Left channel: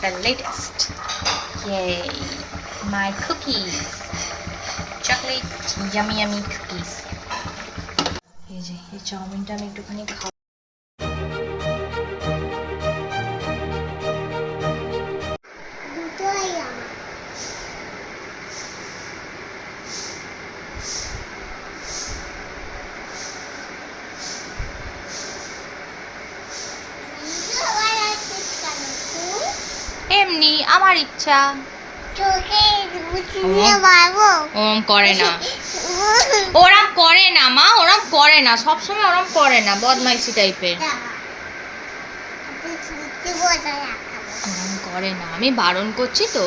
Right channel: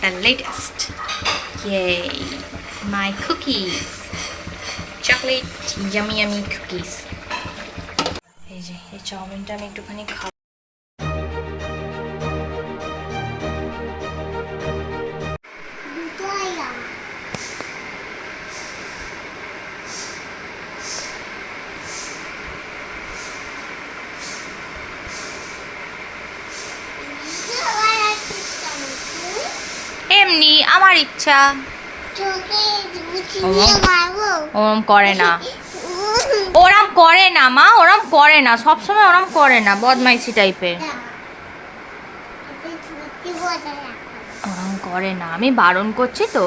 the latest. Yay! My cookies. Chocolate yummy yummy cookies. এই যে এই চাউমিনটা আমি একটুখানি খাব এমনি আমার ইচ্ছা। তোকে ওরম করে না। ওরম করে না মা ওরম করে না। সবসময় ওরম করে না বদমাইশি টাইপের ওরম করে না। আমি বারণ করছি তো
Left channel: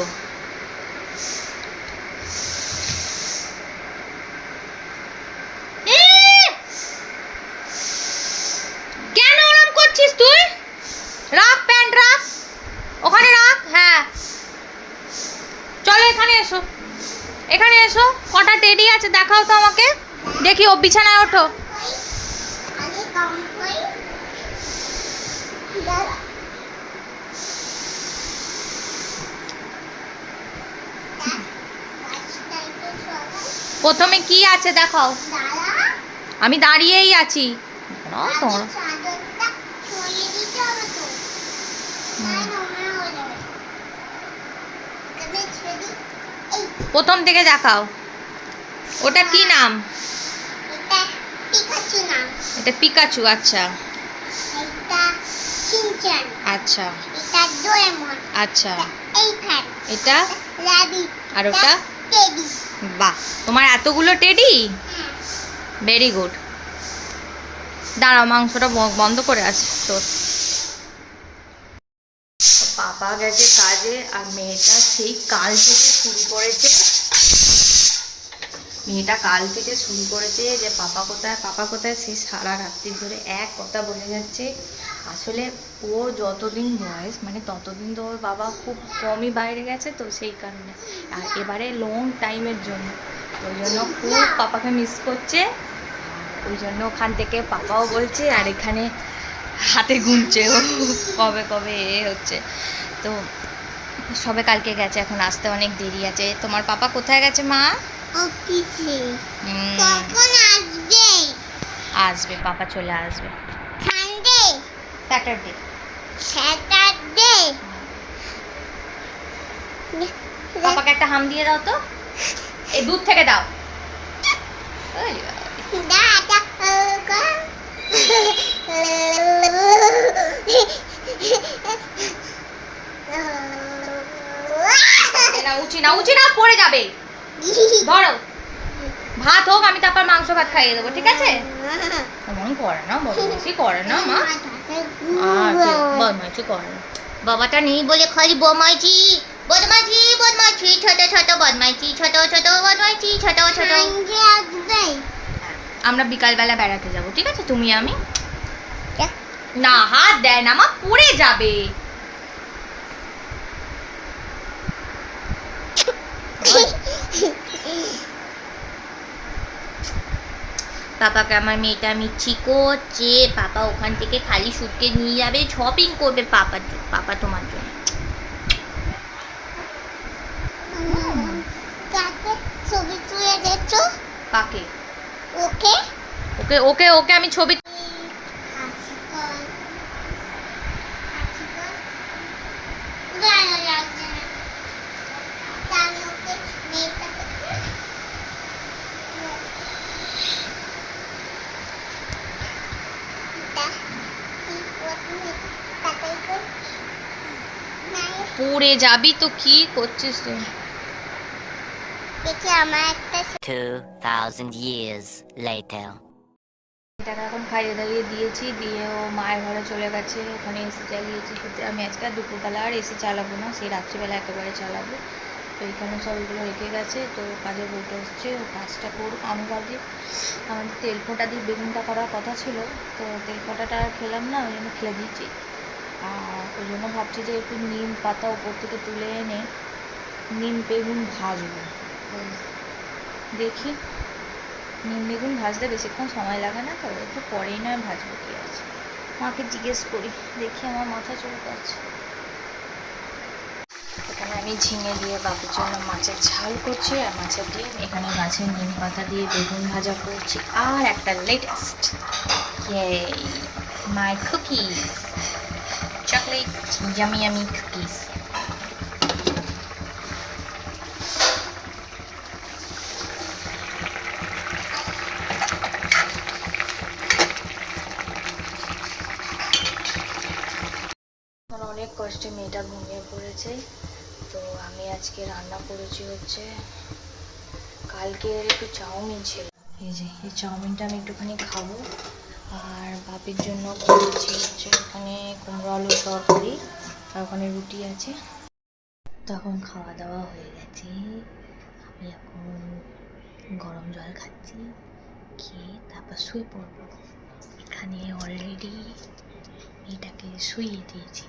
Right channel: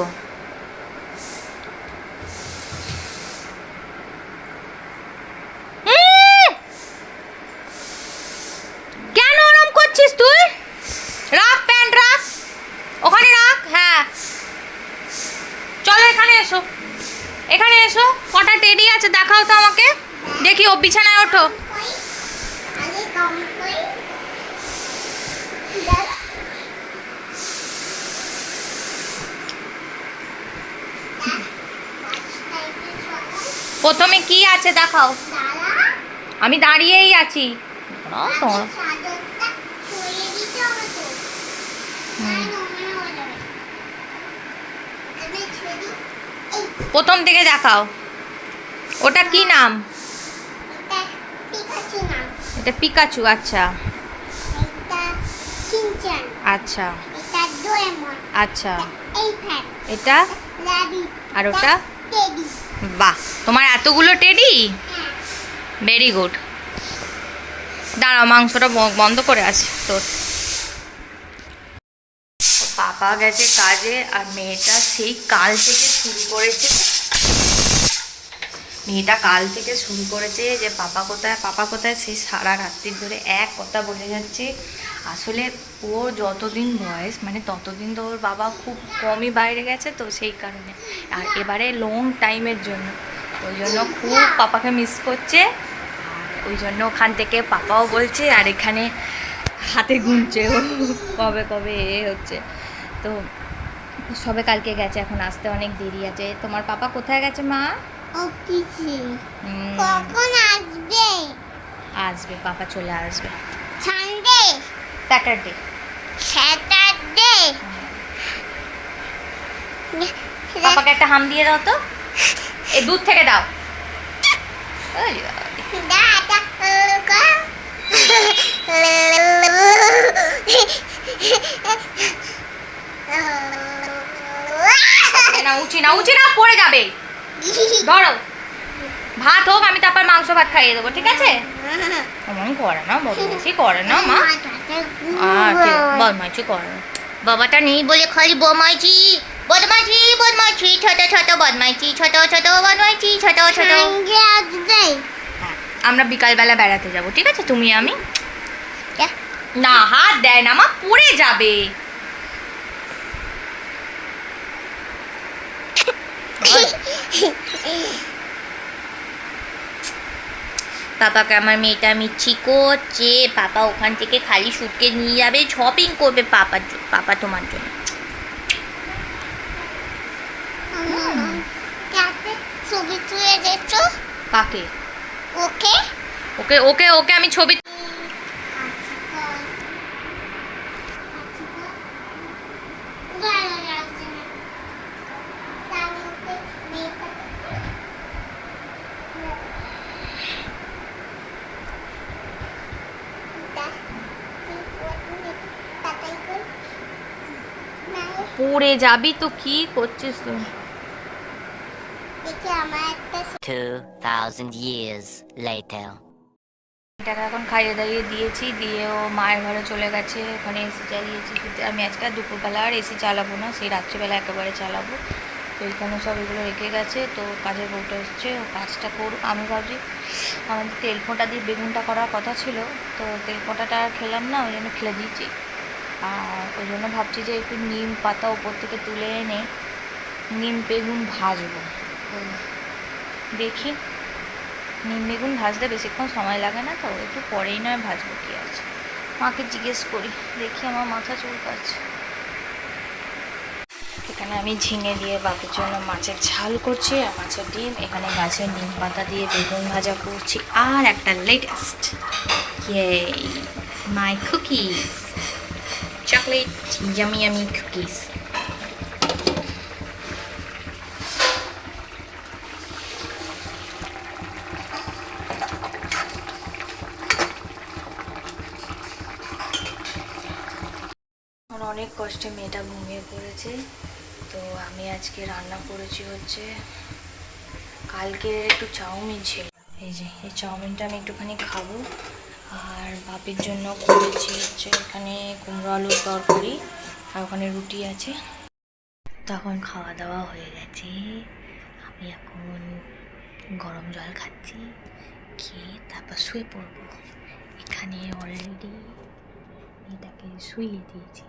উম! কেন ওরম করছিস তুই রাখ প্যান্ট রাখ ওখানে রাখ হ্যাঁ চলো এখানে এসো। এখানে এসো, কটা টেডি আছে দেখাও তো আমাকে। দেখি ও বিছানায় ওঠো। প্রথমে কি আছে দেখাও। আমি দাঁড়িয়েই আছি। হুম। প্রথম থেকে দেখাও। ওটা কি নাম? এটা পিকাচু আচ্ছা। আচ্ছা। আচ্ছা। এটা আর ওটা? বাহ তোমার এতগুলো টেডি ভেরি গুড দাঁড়াও মাংসটা বন্ধ করে আছি তোর। পাপা গেছে কাজে আর মেয়েটা সেই কাল থেকে শুরু করেছে। মেয়েটা কাল থেকে শুরু করেছে যে পাপা কোথায় পাপা কোথায়? সেই সারা রাত্রি ধরে এক কথা বলে যাচ্ছে। আসলে ওর যতদিন বয়স মানে ততদিন তো ওর বাবা খুব কমই বাইরে গেছে তো সেই কারণে। আর এবারে লং টাইমের জন্য। ওই জন্য খুব পাপাকে মিস করছে। আর ওই জন্য ওখান থেকে পাপাও বলছে, আর এখানে হাতে গুনছে। ও কবে কবে এ হচ্ছে। তো সবে কালকে গেছে এখন আসতে অনেক দেরি আছে। তোমার পাপা কোথায় গেছে মা? অফিসে। কখন আসবে? আসবে পাপা চলে আসবে। সানডে? স্যাটারডে। স্যাটারডে? পাপাকে একটা হাম দিয়ে দাও তো। এই দুধ থেকে দাও। দাদা এ না উচি না পড়ে যাবে। ধরো। ভাত হোক আমি তারপর মাংস ভাত খাইয়ে দেবো ঠিক আছে? এমন করে না বদমাইশি করে না মা। আচ্ছা বদমাইশি করে না। বাবাটা নেই বলে খালি বদমাইশি। বদমাইশি বদমাইশি ছোট ছোট বদমাইশি ছোট ছোট বদমাইশি ছোট ছোট। হ্যাঁ, আমরা বিকালবেলা বেড়াতে যাব ঠিক আছে? তুমি আমি? না হাত দেয় না মা পড়ে যাবে। পাপাকে আমার মেয়েটা মিচ্ছি করছে। পাপা ওখান থেকে খালি সুটকে নিয়ে যাবে শপিং করবে পাপার জন্য পাপা তোমার জন্য। ছবি তুলে দিচ্ছ কাকে? ওকে। ওকে ওকে ওকে আমি ছবি পড়ে যাবি তো কি করছিস তুই? দেখি আমার একটা 2,000 years later. টাকা এখন খাইয়ে দাইয়ে দিয়েছি দিয়ে ও মায়ের ঘরে চলে গেছে ওখানে এসি চালিয়েছি। কিন্তু আমি আজকে আর দুপুরবেলা আর এসি চালাবো না সেই রাত্রিবেলা একেবারে চালাবো। তো এইখানে সব এগুলো রেখে গেছে তো কাজের বউটা এসছে ও কাজটা করুক। আমি ভাবছি আমাদের তেল ফোঁটা দিয়ে বেগুনটা করার কথা ছিল তো তেল ফোঁটাটা খেলাম না ওই জন্য খেলে দিয়েছি। আর ওই জন্য ভাবছি যে একটু নিম পাতা ওপর থেকে তুলে এনে নিম বেগুন ভাজবো। দেখি। নিম বেগুন ভাজতে বেশিক্ষণ সময় লাগে না তো, একটু পরেই নয় ভাজবো কি আছে। মাকে জিজ্ঞেস করি, দেখি আমার মাথা চুলকাচ্ছে এখানে আমি ঝিঙে দিয়ে বাবুর জন্য মাছের ঝাল করছি আর মাছের ডিম। এখানে গাছের নিম পাতা দিয়ে বেগুন ভাজা করছি। আর একটা latest my cookies yummy yummy cookies আমার অনেক কষ্টে মেয়েটা ঘুমিয়ে পড়েছে। তো আমি আজকে রান্না করেছি হচ্ছে কালকে একটু চাউমিন ছিল। এই যে, এই চাউমিনটা আমি একটুখানি খাব। আর বাপের জন্য করেছি হচ্ছে এখানে কুমড়ো আলুর তরকারি আর ওখানে রুটি আছে। তখন খাওয়া দাওয়া হয়ে গেছে। আমি এখন গরম জল খাচ্ছি, খেয়ে তারপর শুয়ে পড়ব। এখানে অলরেডি মেয়েটাকে শুয়ে দিয়েছি।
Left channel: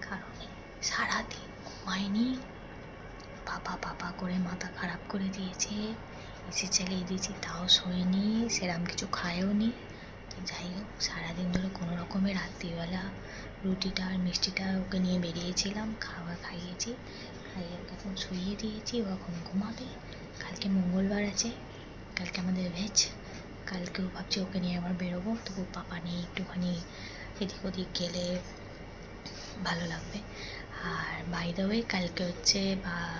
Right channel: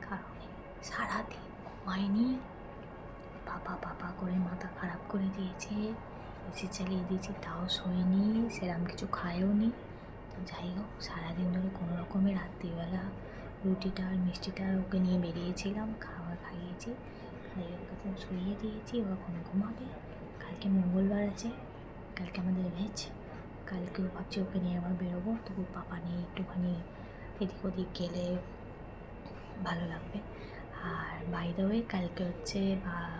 কারণ সারাদিন ঘুমায়নি। পাপা পাপা করে মাথা খারাপ করে দিয়েছে। এসি চালিয়ে দিয়েছি, তাও শোয়নি সেরকম কিছু খায়ও নি যাই হোক, সারাদিন ধরে কোনো রকমের রাত্রিবেলা রুটিটা আর মিষ্টিটা ওকে নিয়ে বেরিয়েছিলাম খাবার খাইয়েছি, খাইয়ে ওকে এখন শুইয়ে দিয়েছি, ও এখন ঘুমাবে। কালকে মঙ্গলবার আছে, কালকে আমাদের ভেজ কালকেও ভাবছি ওকে নিয়ে আবার বেরোবো তবু পাপা নিয়ে একটুখানি এদিক ওদিক গেলে ভালো লাগবে। আর বাই কালকে হচ্ছে বা-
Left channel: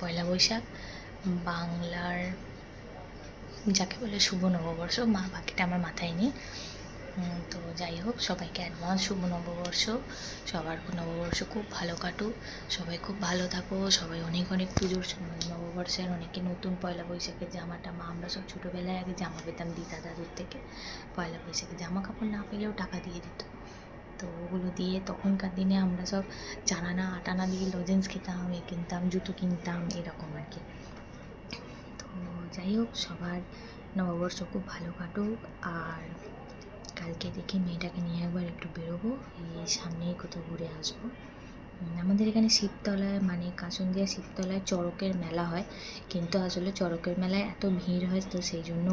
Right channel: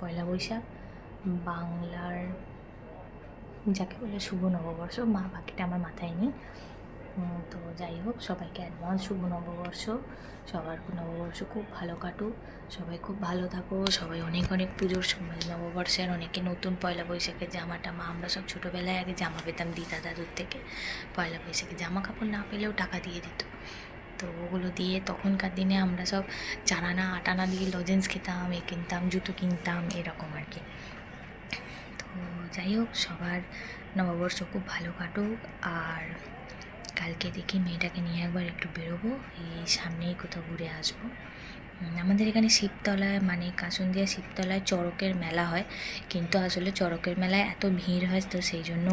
পয়লা বৈশাখ, বাংলার যাকে বলে শুভ নববর্ষ, মা বাকিটা আমার মাথায় নেই। তো যাই হোক, সবাইকে অ্যাডভান্স শুভ নববর্ষ। সবার নববর্ষ খুব ভালো কাটুক। সবাই খুব ভালো থাকো। সবাই অনেক অনেক পুজোর সময় নববর্ষের অনেকে নতুন পয়লা বৈশাখের জামা টামা আমরা সব ছোটোবেলায় আগে জামা পেতাম দিদা দাদুর থেকে। পয়লা বৈশাখে জামা কাপড় না পেলেও টাকা দিয়ে দিত। তো ওগুলো দিয়ে তখনকার দিনে আমরা সব চারানা আটানা দিয়ে লজেন্স খেতাম, এ কিনতাম, জুতো কিনতাম, এরকম আর কি। যাই হোক, সবার নববর্ষ খুব ভালো কাটুক। আর কালকে দেখি মেয়েটাকে নিয়ে একবার একটু বেরোবো, এই সামনেই কোথাও ঘুরে আসব। আমাদের এখানে শিবতলায় মানে কাসুন্দিয়া শিবতলায় চড়কের মেলা হয়। কিন্তু আসলে চড়কের মেলায় এত ভিড় হয়, তো সেই জন্য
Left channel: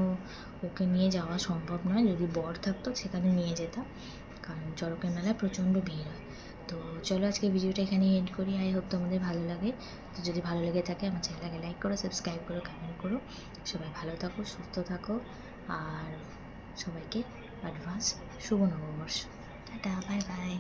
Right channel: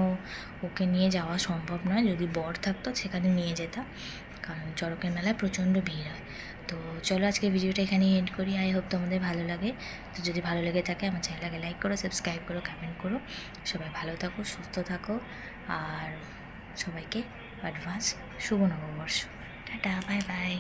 ওকে নিয়ে যাওয়া সম্ভব নয়। যদি বর থাকতো, সেখানে নিয়ে যেতাম। কারণ চড়কের মেলায় প্রচণ্ড ভিড় হয়। তো চলো আজকে ভিডিওটা এখানেই এন্ড করি। আই হোপ তোমাদের ভালো লাগে। তো যদি ভালো লেগে থাকে, আমার চ্যানেলটাকে লাইক করো সাবস্ক্রাইব করো কমেন্ট করো। সবাই ভালো থাকো, সুস্থ থাকো। আর সবাইকে অ্যাডভান্স শুভ নববর্ষ। Tata bye bye